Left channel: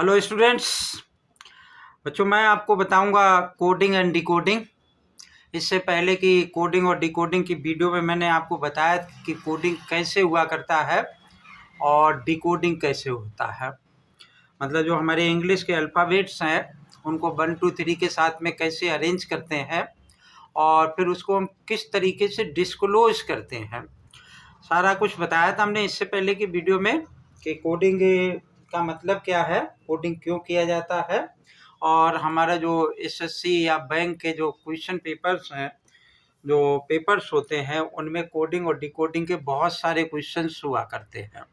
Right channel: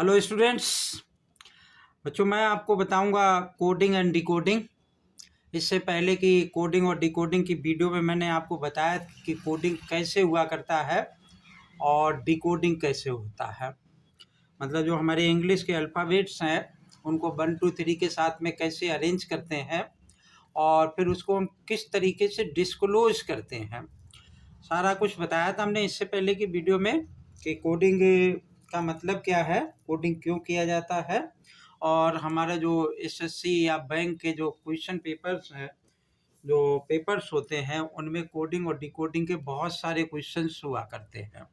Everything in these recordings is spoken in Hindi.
Hello students. बच्चों, मैं आपको बताऊंगा कोडिंग एंड डिकोडिंग। इससे पहले कि कोडिंग और डिकोडिंग की वीडियो में मैंने आपको बताया कि कोडिंग कैसे हुआ करता है और डिकोडिंग कैसे होता है। मतलब जो हमारे इंग्लिश के अल्फ़ाबेट्स हैं उनको 1 2 3 के साथ में कैसे अरेंज करते हैं और फिर उसको हम किस तरीके से डिस्क्लोज करते हैं, सारा कुछ बताया था हमने इससे पहले की वीडियो में कि कोडिंग का मतलब क्या है, कोडिंग क्यों किया जाता है, और हमारा जो एसएससी या बैंक के जो क्वेश्चन पेपर्स हैं, जो पेपर्स होते हैं, उनमें कोडिंग और डिकोडिंग के बहुत सारे क्वेश्चंस हुआ करते हैं।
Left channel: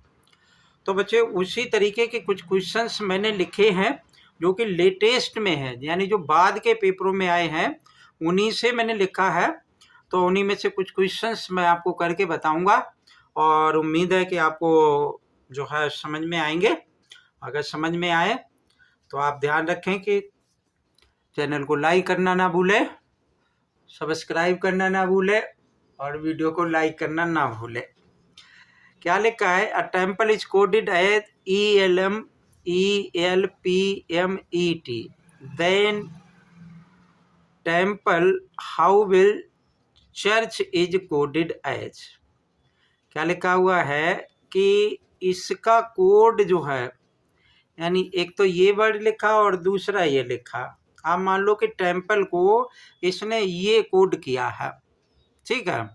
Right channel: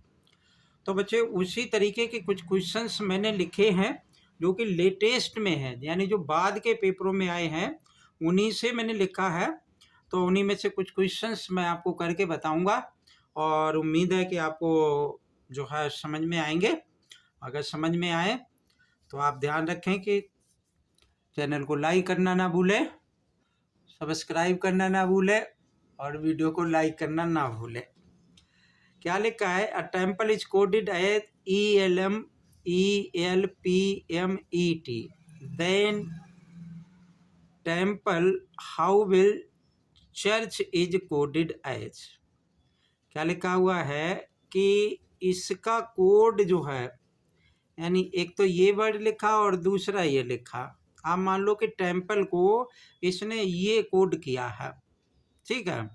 तो बच्चे, उसी तरीके के कुछ क्वेश्चंस मैंने लिखे हैं जो कि लेटेस्ट में है, यानी जो बाद के पेपरों में आए हैं उन्हीं से मैंने लिखा है। तो उन्हीं में से कुछ क्वेश्चंस मैं आपको करके बताऊंगा और उम्मीद है कि आपको जो है समझ में आएंगे। अगर समझ में आए तो आप ध्यान रखें कि चैनल को लाइक करना ना भूलें, सब्सक्राइब करना ना भूलें और वीडियो को लाइक करना ना भूलें। क्या लिखा है? A temple is coded as ELMELPMET, then temple how will church is coded as. क्या लिखा हुआ है कि इसका कोड जो है, यानी एक तो ये वर्ड लिखा और दूसरा ये लिखा। आप मान लो कि टेम्पल को इसने ये कोड किया है, ठीक है।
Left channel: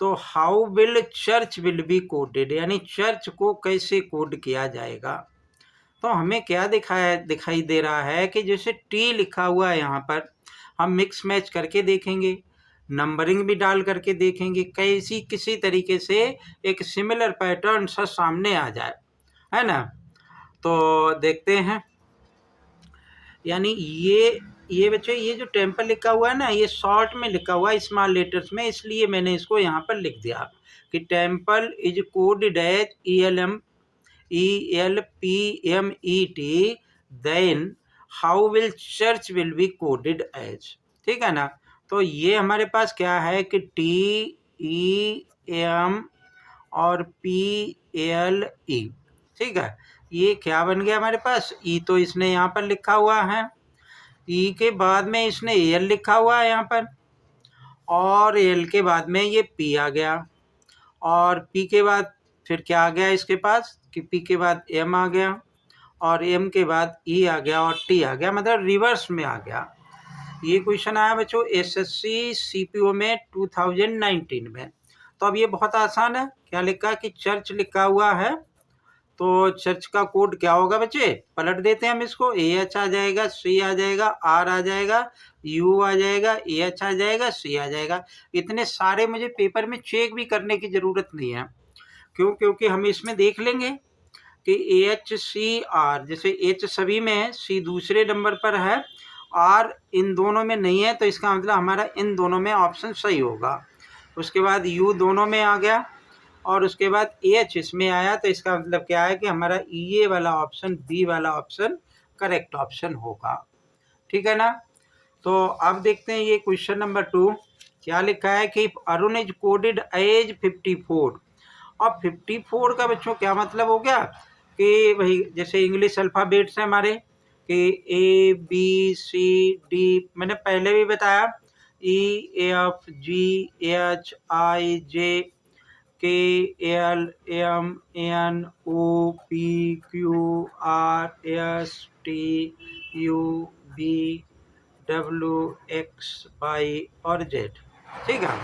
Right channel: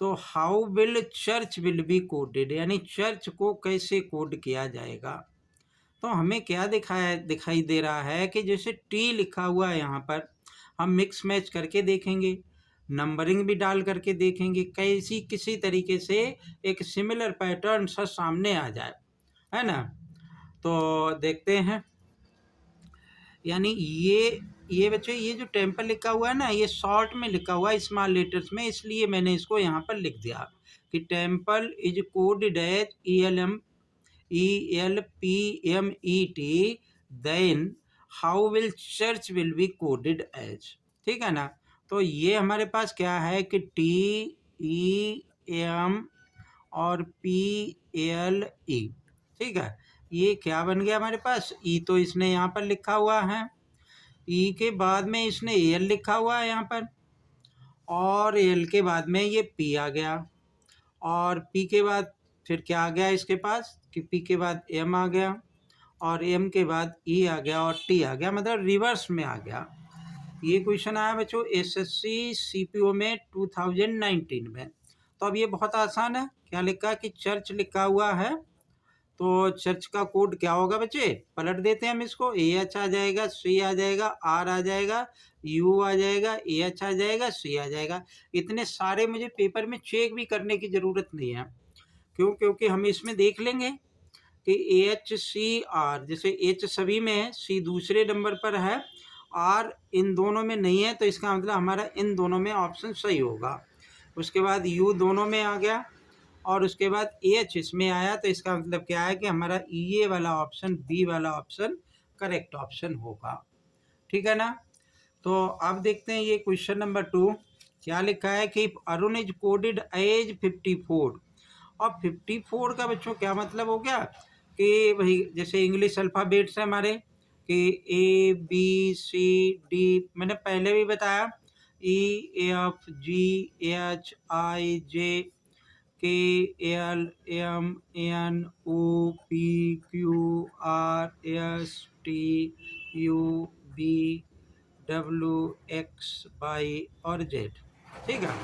तो how will church will be coded, यानी चर्च को कैसे कोड किया जाएगा। तो हमें क्या दिखाई दे रहा है कि जैसे टी लिखा हुआ है यहाँ पर, हम मिक्स मैच करके देखेंगे, नंबरिंग भी डाल करके देखेंगे, कैसी किसी तरीके से एक सिमिलर पैटर्न सा सामने आ जाए, है ना। तो देखते हैं। यानी ये बच्चे, ये जो टेम्पल लिखा हुआ है ना, ये शॉर्ट में लिखा हुआ है स्मॉल लेटर्स में, इसलिए मैंने इसको यहाँ पर लिख दिया कि temple is coded as ELPMET, then how will church will be coded as. ठीक है ना। तो ये हमारे पास क्या है कि TEM और PLE, ठीक है। ये क्या बन गया हमारे पास? ई तो इसने यहाँ पर लिखा हुआ है, ई के बाद में इसने एल लिखा हुआ है यहाँ पर, और एल के बाद में ये पी आ गया, और पी के बाद फिर क्या आ गया इसके पास कि पी के बाद एम आ गया, और एम के बाद ई आ गया, और टी आ गया, मतलब रिवर्स में आ गया। ये क्वेश्चन आया बच्चों एसएससी सीपीओ में 2019 में। तो अब ये बहुत आसान है। क्या लिखा कि चर्च लिखा हुआ है, तो चर्च का कोड क्या होगा बच्चे? पलट देते हैं हम इसको। AH आ जाएगा, C आ जाएगा, R आ जाएगा, U आ जाएगा, AH आ जाएगा, C आ जाएगा। इतने सारे मुझे पेपर में चेक भी करने की ज़रूरत नहीं है। क्यों? क्योंकि हम इसमें देख लेंगे कि AHCR, जैसे H सभी में है, C दूसरे नंबर पर है, R इन दोनों में नहीं है, तो इसका मतलब हमारा इन दोनों में ऑप्शन सही होगा। उसके बाद U दोनों में आ गया, और उसके बाद एच इसमें आया, तो इसका मतलब क्या है कि हमारा ये वाला ऑप्शन, बी वाला ऑप्शन करेक्ट ऑप्शन होगा। ठीक है ना। तो अब देखते हैं ये क्वेश्चन नंबर 2 क्या लिखा है कि अरुण इज कोडेड एज 54। और 54 का बच्चों क्या मतलब हो गया कि भाई जैसे इंग्लिश अल्फ़ाबेट्स हैं हमारे कि ABCD, मैंने पहले भी बताया, EFGHIJ KLMNOPQRSTUVWXY और Z। ठीक है।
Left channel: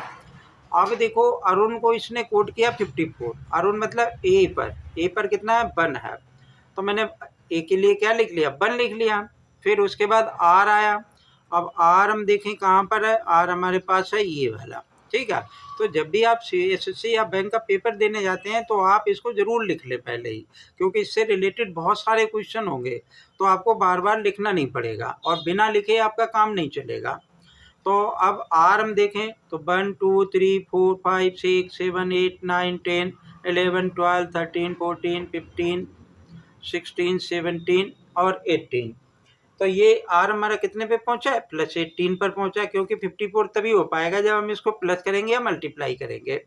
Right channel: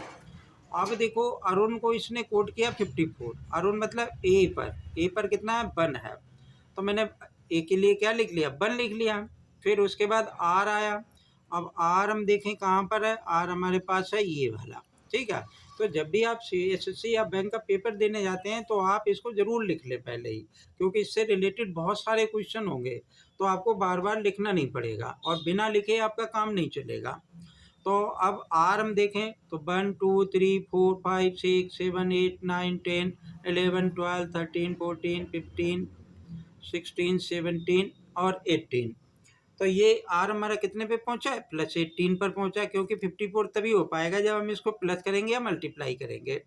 अब देखो, अरुण को इसने कोड किया 54। अरुण मतलब ए पर कितना है? 1 है। तो मैंने ए के लिए क्या लिख लिया? 1 लिख लिया। फिर उसके बाद आर आया। अब आर हम देखें कहाँ पर है? आर हमारे पास है ये वाला। ठीक है। तो जब भी आप एसएससी या बैंक का पेपर देने जाते हैं तो आप इसको ज़रूर लिख लें पहले ही, क्योंकि इससे रिलेटेड बहुत सारे क्वेश्चन होंगे, तो आपको बार बार लिखना नहीं पड़ेगा, और बिना लिखे आपका काम नहीं चलेगा। तो अब आर हम देखें तो 1 2 3 4 5 6 7 8 9 10 11 12 13 14 15 16 17 और 18। तो ये आर हमारा कितने पे पहुंचा है? +18 पर पहुंचा है, क्योंकि 54 तभी हो पाएगा जब हम इसको प्लस करेंगे या मल्टीप्लाई करेंगे।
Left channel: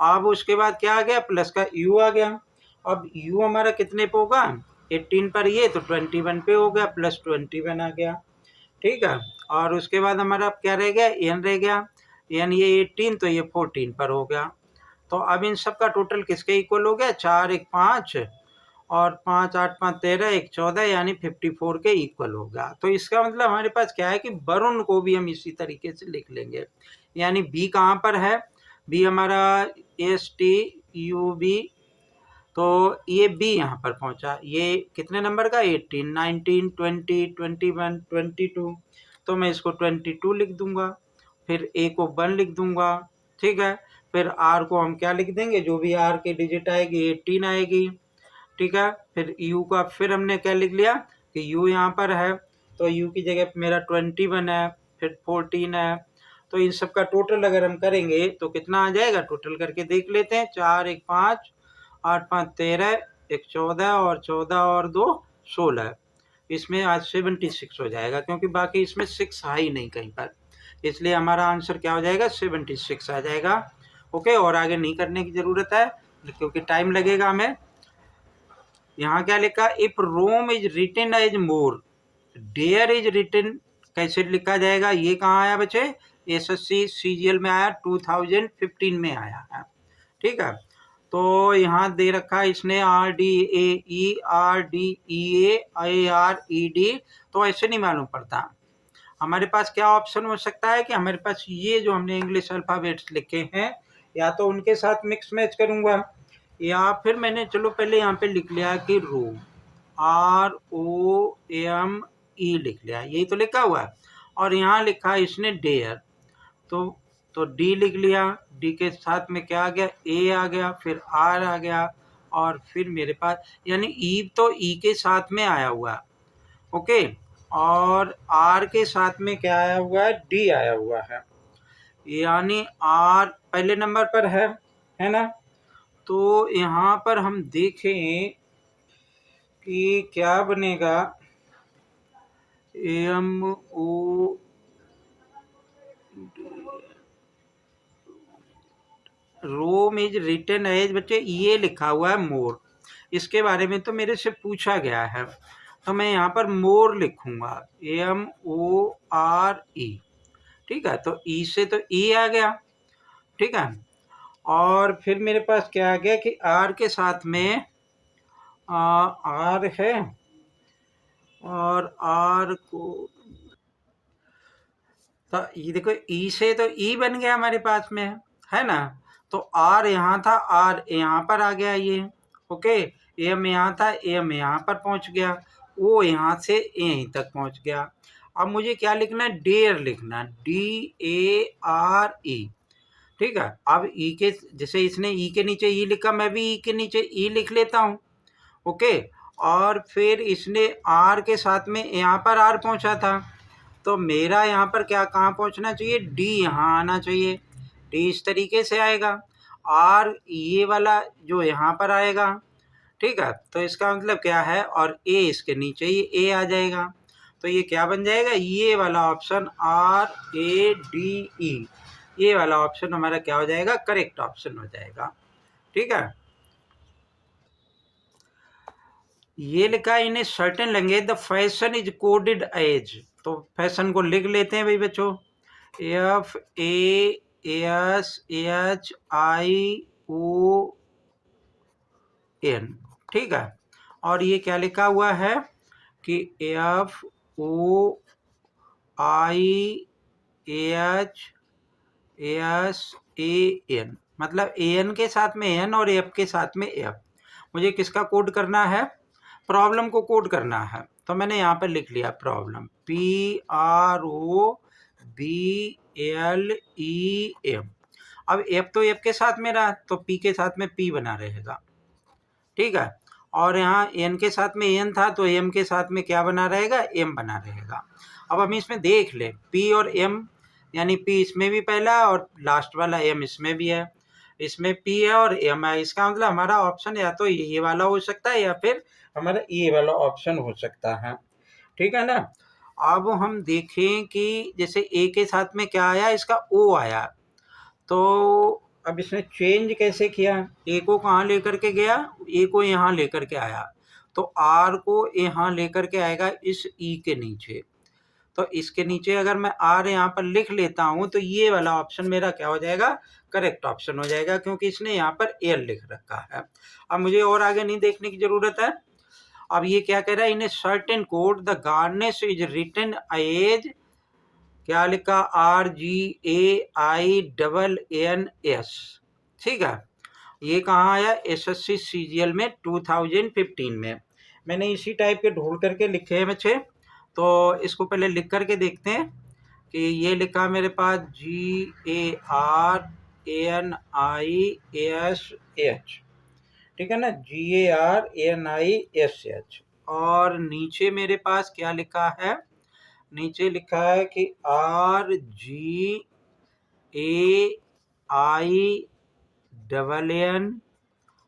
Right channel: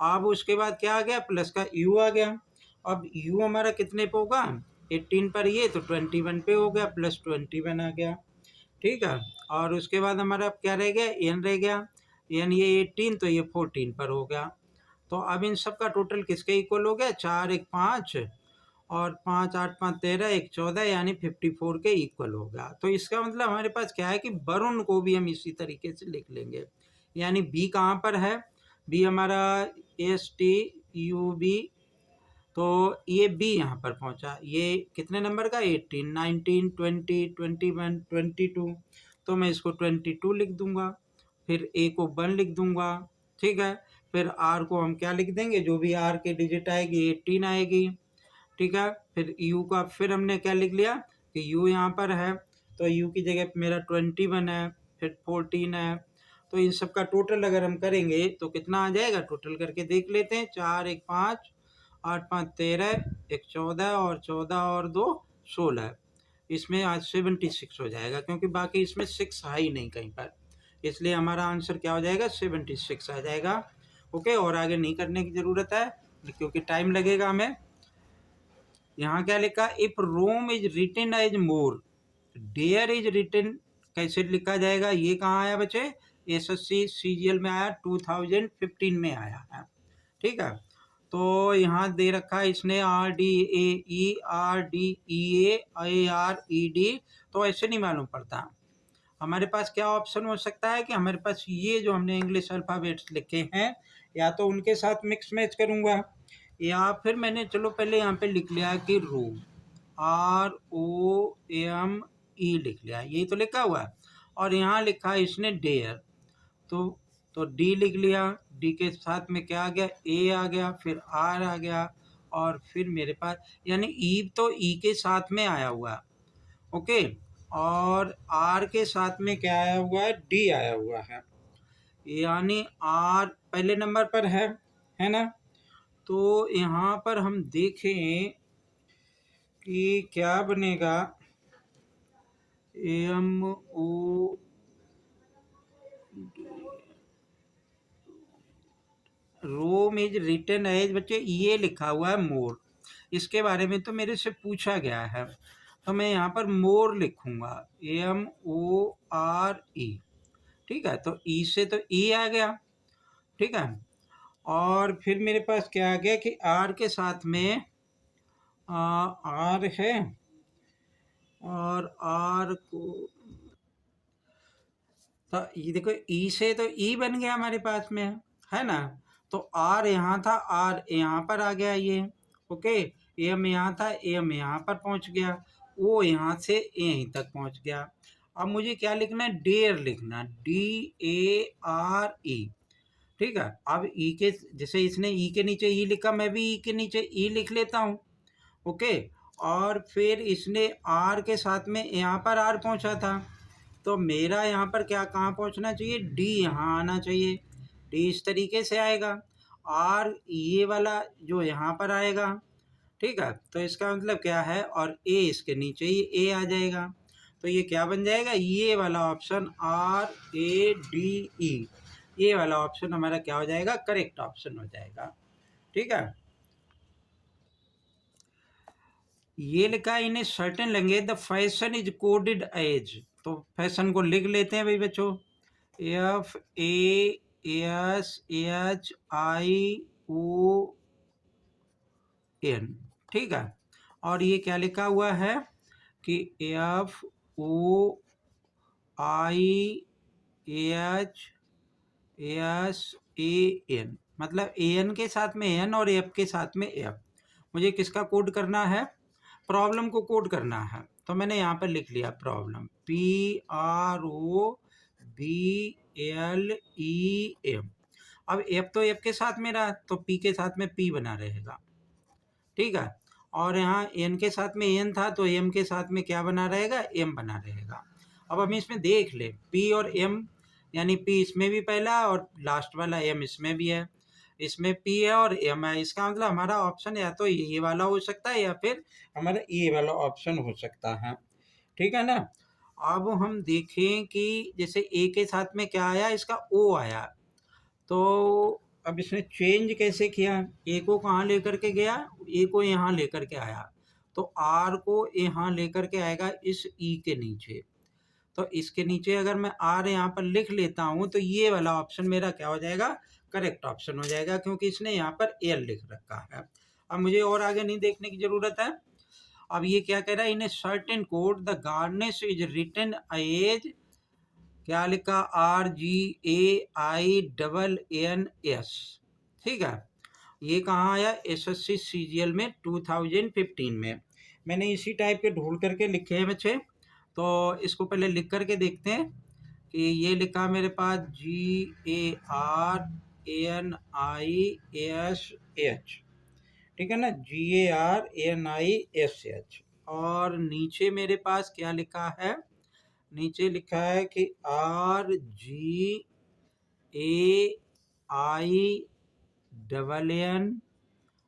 अब उसके बाद क्या आ गया? प्लस का यू आ गया। अब यू हमारा कितने पे होगा? 18 पर ये तो 21 पे हो गया, प्लस 21 आ गया। ठीक है, और उसके बाद हमारा अब क्या रह गया, एन रह गया। एन ये 18 तो ये 14 पर हो गया। तो अब इन सब का टोटल किसके इक्वल हो गया, 4 1 5 और 5 8 5 13 1 14 यानी 54 के इक्वल हो गया। तो इसका मतलब हमारे पास क्या है कि वरुण को भी हम इसी तरीके से लिख लेंगे। यानी बी कहाँ पर है, बी हमारा STUB, तो ये बी यहाँ पर पहुँचा। ये कितने नंबर का, 18 19 20 21 22, तो मैं इसको 22 लिख दूंगा। फिर ए को 1 लिख दूंगा। ठीक है, फिर आर को हम क्या लिख देंगे, जो भी आर की डिजिट आएगी 18 आएगी। ठीक है, फिर यू का फिर हमने क्या लिख लिया कि यू यहाँ पर है, तो यू की जगह मेरा 21 है, फिर 14 है। तो इन सब का टोटल अगर हम करेंगे तो कितना आ जाएगा, टोटल करके देख लेते हैं। 4 1 5 8 5 13 1 14 और 14 और 2 16, इसमें आज 76 हो जाएगा, क्योंकि बाकी इसमें 6 है ही नहीं कहीं पर, इसलिए हमारा आंसर क्या हो जाएगा, 76 आ जाएगा। ओके, और आगे नहीं करने की ज़रूरत है क्योंकि टाइम लगेगा हमें। यहाँ क्या लिखा, if Rome is written as more, there is written कैसे लिखा जाएगा, ये कहाँ आया बच्चे, SSC CGL में आया, 2015 में आया है। ठीक है, तो यहाँ दे रखा है इसने RDAE तो ऐसे नहीं मालूम पड़ता। हमारे पास क्या ऑप्शन हो सकता है कि हमारे पास ये जो हमने इंग्लिश अल्फ़ाबेट्स लिखे हैं, या तो उनके साथ मिक्स मैच करूँगा, या फिर मैंने चलो पहले यहाँ पे लिख लिया कि रोम, ROME लिख लिया, यही तो लिखा हुआ है। और यहाँ लिखा इसने डेयर, तो डी लिख लिया, डी के साथ में क्या आ गया, ए आ गया, फिर आर आ गया, और फिर मेरे पास यानी ई तो ई के साथ में आया हुआ है। ओके, और आर के साथ में क्या आया हुआ है, डी आया हुआ है, यानी आर पहले नंबर पर है ना। तो यहाँ पर हम देखें कि क्या बनेगा, MO Rome is written as, बच्चे ये लिखा हुआ है मोर, इसके बारे में तो मेरे से पूछा गया है, तो मैं यहाँ पर मोर लिखूंगा, MORE। ठीक है, तो ई से तो ई आ गया। ठीक है, और फिर मेरे पास क्या आ गया कि आर के साथ में आर है, और आर को तो ये देखो, ई से तो ई बन गया हमारे पास में, है ना। तो आर यहाँ था, आर यहाँ पर आ गया ये। ओके, एम यहाँ था, एम यहाँ पर पहुँच गया, ओ यहाँ से यहीं तक पहुँच गया। अब मुझे क्या लिखना है, डेयर लिखना, DARE। ठीक है, अब ई के जैसे इसने ई के नीचे ई लिखा, मैं भी ई के नीचे ई लिख लेता हूँ। ओके, और फिर इसने आर के साथ में यहाँ पर आर पहुँचा था, तो मेरा यहाँ पर क्या कहाँ पहुँचना चाहिए, डी यहाँ आना चाहिए, डी इस तरीके से आएगा, आर ये वाला जो यहाँ पर आएगा। ठीक है, तो इसका मतलब क्या है, और ए इसके नीचे ही ए आ जाएगा, तो ये क्या बन जाएगा, ये वाला ऑप्शन RADE, ये वाला ऑप्शन हमारा क्या हो जाएगा, करेक्ट ऑप्शन हो जाएगा। ठीक है, ये लिखा है in a certain language the fashion is coded as, तो फैशन को लिख लेते हैं भाई बच्चों, FASHION। ठीक है, और ये क्या लिखा हुआ है कि FOIASAN, मतलब AN के साथ में N और F के साथ में F। मुझे किसका कोड करना है, प्रॉब्लम को कोड करना है, तो मैंने यहाँ पर लिख लिया प्रॉब्लम, PROBLEM। अब F तो F के साथ में रहा, तो P के साथ में P बना रहेगा। ठीक है, और यहाँ N के साथ में N था, तो M के साथ में क्या बना रहेगा, M बना रहेगा। अब हम इसमें देख लें P और M, यानी P इसमें भी पहला और लास्ट वाला M इसमें भी है, इसमें P है और M है, इसका मतलब हमारा ऑप्शन या तो ये वाला हो सकता है या फिर हमारा ये वाला ऑप्शन हो सकता है। ठीक है ना। अब हम देखें कि जैसे A के साथ में क्या आया, इसका O आया, तो अब इसने चेंज कैसे किया, ए को कहाँ लेकर के गया, ए को यहाँ लेकर के आया, तो आर को यहाँ लेकर के आएगा इस ई के नीचे। तो इसके नीचे अगर मैं आर यहाँ पर लिख लेता हूँ तो ये वाला ऑप्शन मेरा क्या हो जाएगा, करेक्ट ऑप्शन हो जाएगा, क्योंकि इसने यहाँ पर एल लिख रखा है। अब मुझे और आगे नहीं देखने की जरूरत है। अब ये क्या कह रहा है, in a certain code the garnish is written as, क्या लिखा, RGAINNS। ठीक है, ये कहाँ आया, SSC CGL में 2015 में। मैंने इसी टाइप के ढूंढ करके लिखे हैं बच्चे, तो इसको पहले लिख करके देखते हैं कि ये लिखा मेरे पास GARANISH, ठीक है ना, GARANISH। और नीचे मेरे पास क्या लिखा है, नीचे लिखा है कि RGAINN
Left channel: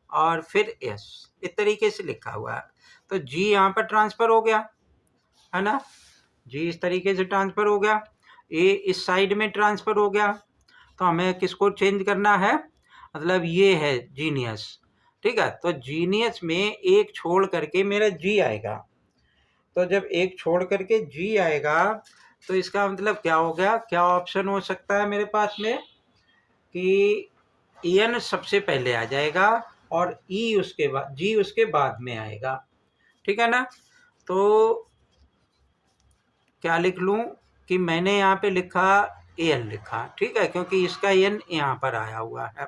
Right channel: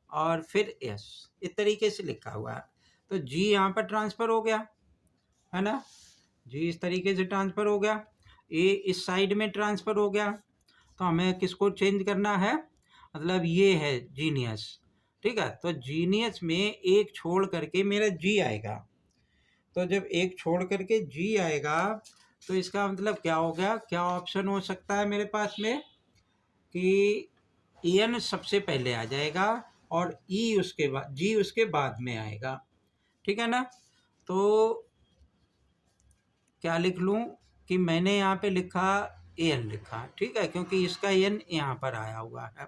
और फिर S, इस तरीके से लिखा हुआ है। तो G यहाँ पर ट्रांसफर हो गया है ना, G इस तरीके से ट्रांसफर हो गया, A इस साइड में ट्रांसफर हो गया। तो हमें किसको चेंज करना है, मतलब ये है जीनियस। ठीक है, तो जीनियस में एक छोड़ करके मेरा G आएगा। तो जब एक छोड़ करके G आएगा तो इसका मतलब क्या हो गया, क्या ऑप्शन हो सकता है मेरे पास में कि N सबसे पहले आ जाएगा और E उसके बाद, G उसके बाद में आएगा। ठीक है ना, तो क्या लिख लूँ कि मैंने यहाँ पे लिखा N लिखा, ठीक है, क्योंकि इसका N यहाँ पर आया हुआ है।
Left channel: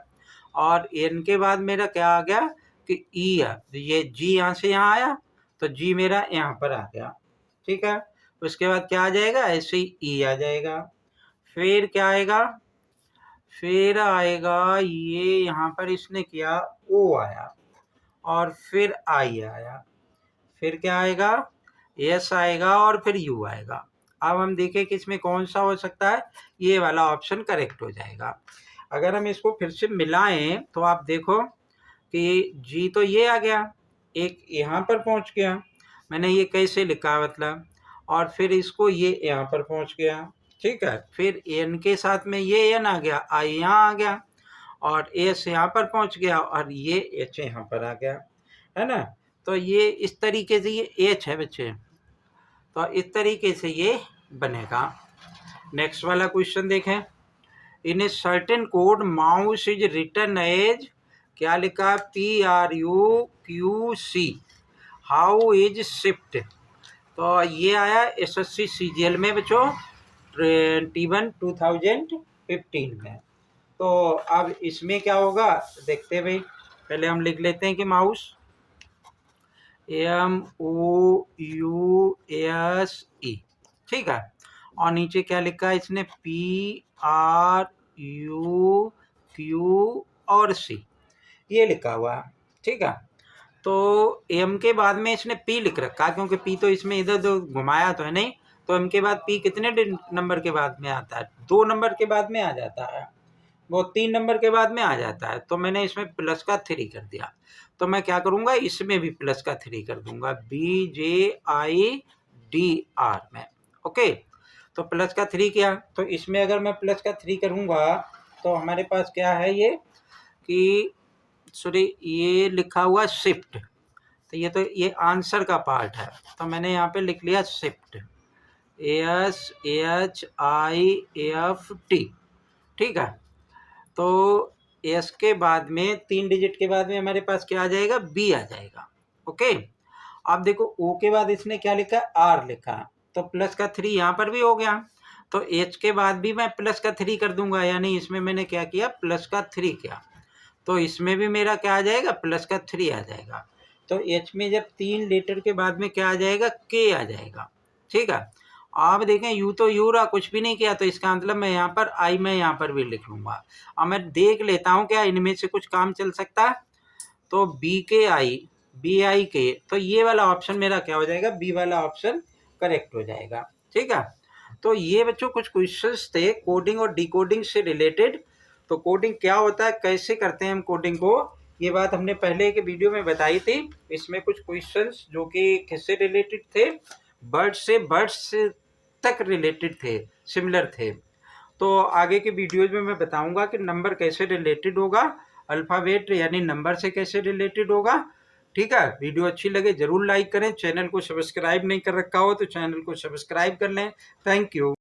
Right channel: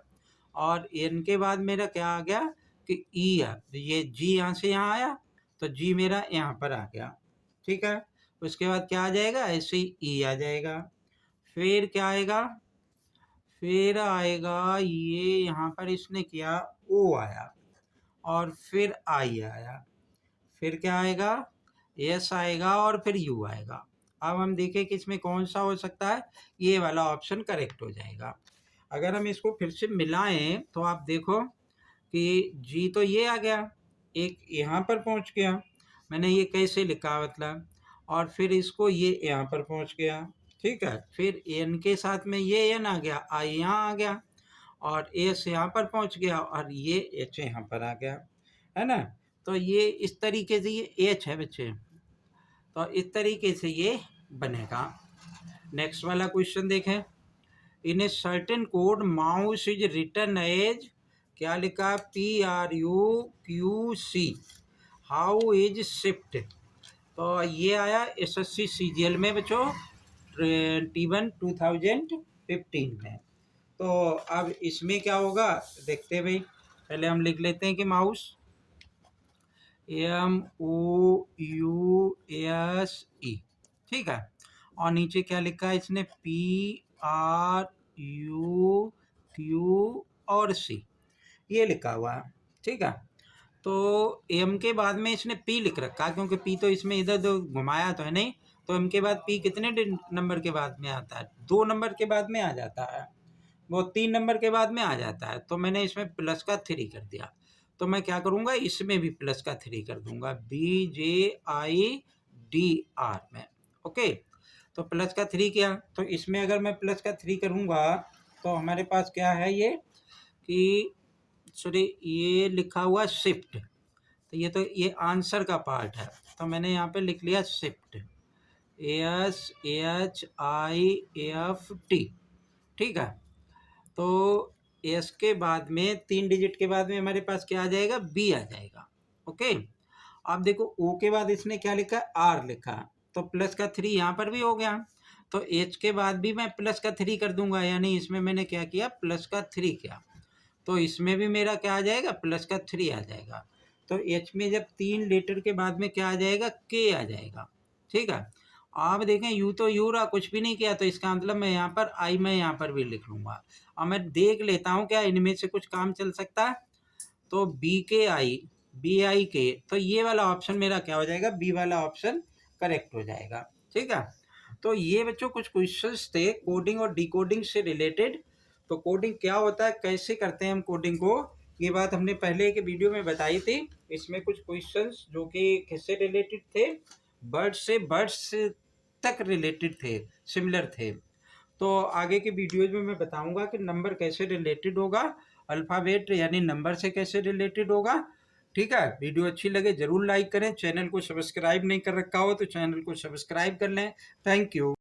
और N के बाद मेरा क्या आ गया कि E है, ये G यहाँ से यहाँ आया तो G मेरा यहाँ पर आ गया। ठीक है, उसके बाद क्या आ जाएगा, ऐसे ही E आ जाएगा। फिर क्या आएगा, फिर आएगा ये यहाँ पर इसने किया O आया, और फिर I आया, फिर क्या आएगा, S आएगा, और फिर U आएगा। अब हम देखें कि इसमें कौन सा हो सकता है, ये वाला ऑप्शन करेक्ट हो जाएगा। अगर हम इसको फिर से मिलाएं तो आप देखो कि G तो ये आ गया, एक यहाँ पर पहुँच गया, मैंने ये कैसे लिखा मतलब, और फिर इसको ये यहाँ पर पहुँच गया। ठीक है, फिर N के साथ में ये N आ गया, I यहाँ आ गया, और S यहाँ पर पहुँच गया, और ये H यहाँ पर आ गया, है ना। तो ये इस तरीके से ये H है बच्चे, तो इस तरीके से ये बनेगा। नेक्स्ट वाला क्वेश्चन देखें, in a certain code mouse is written as, क्या लिखा, PRUQC, हाउ इज शिफ्ट। तो ये आया SSC CGL में बच्चों 2015 में। तो अब इसमें क्या होगा देखते हैं भाई, पहले हम लिख लेते हैं कि माउस MOUSE, ठीक है, और नीचे क्या लिखा है इसने, PRUQ और C, ये लिखा हुआ है। ठीक है, तो M के बाद में इसने P लिख रखा, क्योंकि P तो इसमें इधर उधर घुमाया तो है नहीं, तो M के बाद P कितने नंबर के बाद में आता है, 2 नंबर के बाद में आ जाता है, वो 3 नंबर के बाद में आ जाता है। तो मैंने इसमें प्लस का 3 कर दिया, तो मैं क्या करूँगा, इसमें भी प्लस का 3 कर दूंगा, BJIDR में। ओके, तो प्लस का 3 किया, तो इसमें अगर मैं प्लस का 3 करूँगा तो हमारे पास क्या है ये कि, सॉरी, ये लिखा हुआ शिफ्ट, तो ये आंसर का पार्ट है, तो मैंने यहाँ पे लिख लिया शिफ्ट, SHIFT। ठीक है, तो एस के बाद में 3 डिजिट के बाद में हमारे पास क्या आ जाएगा, बी आ जाएगा। ओके, अब देखो ओ के बाद इसने क्या लिखा, आर लिखा, तो प्लस का 3 यहाँ पर भी हो गया, तो एच के बाद भी मैं प्लस का 3 कर दूंगा, यानी इसमें मैंने क्या किया, प्लस का 3 किया, तो इसमें भी मेरा क्या आ जाएगा, प्लस का 3 आ जाएगा। तो एच में जब 3 लेटर के बाद में क्या आ जाएगा, के आ जाएगा। ठीक है, आप देखें यू तो यू रहा, कुछ भी नहीं किया, तो इसका मतलब मैं यहाँ पर आई मैं यहाँ पर भी लिख लूँगा। अब मैं देख लेता हूँ क्या इनमें से कुछ काम चल सकता है, तो BI के, तो ये वाला ऑप्शन मेरा क्या हो जाएगा, बी वाला ऑप्शन करेक्ट हो जाएगा। ठीक है, तो ये बच्चों कुछ क्वेश्चंस थे कोडिंग और डिकोडिंग से रिलेटेड। तो कोडिंग क्या होता है, कैसे करते हैं हम कोडिंग को, ये बात हमने पहले के वीडियो में बताई थी। इसमें कुछ क्वेश्चंस जो कि किससे रिलेटेड थे, बर्ड्स तक रिलेटेड थे, सिमिलर थे। तो आगे के वीडियोज में मैं बताऊंगा कि नंबर कैसे रिलेटेड होगा, अल्फ़ाबेट यानी नंबर से कैसे रिलेटेड होगा। ठीक है, वीडियो अच्छी लगे जरूर लाइक करें, चैनल को सब्सक्राइब नहीं कर रखा हो तो चैनल को सब्सक्राइब कर लें। Thank you.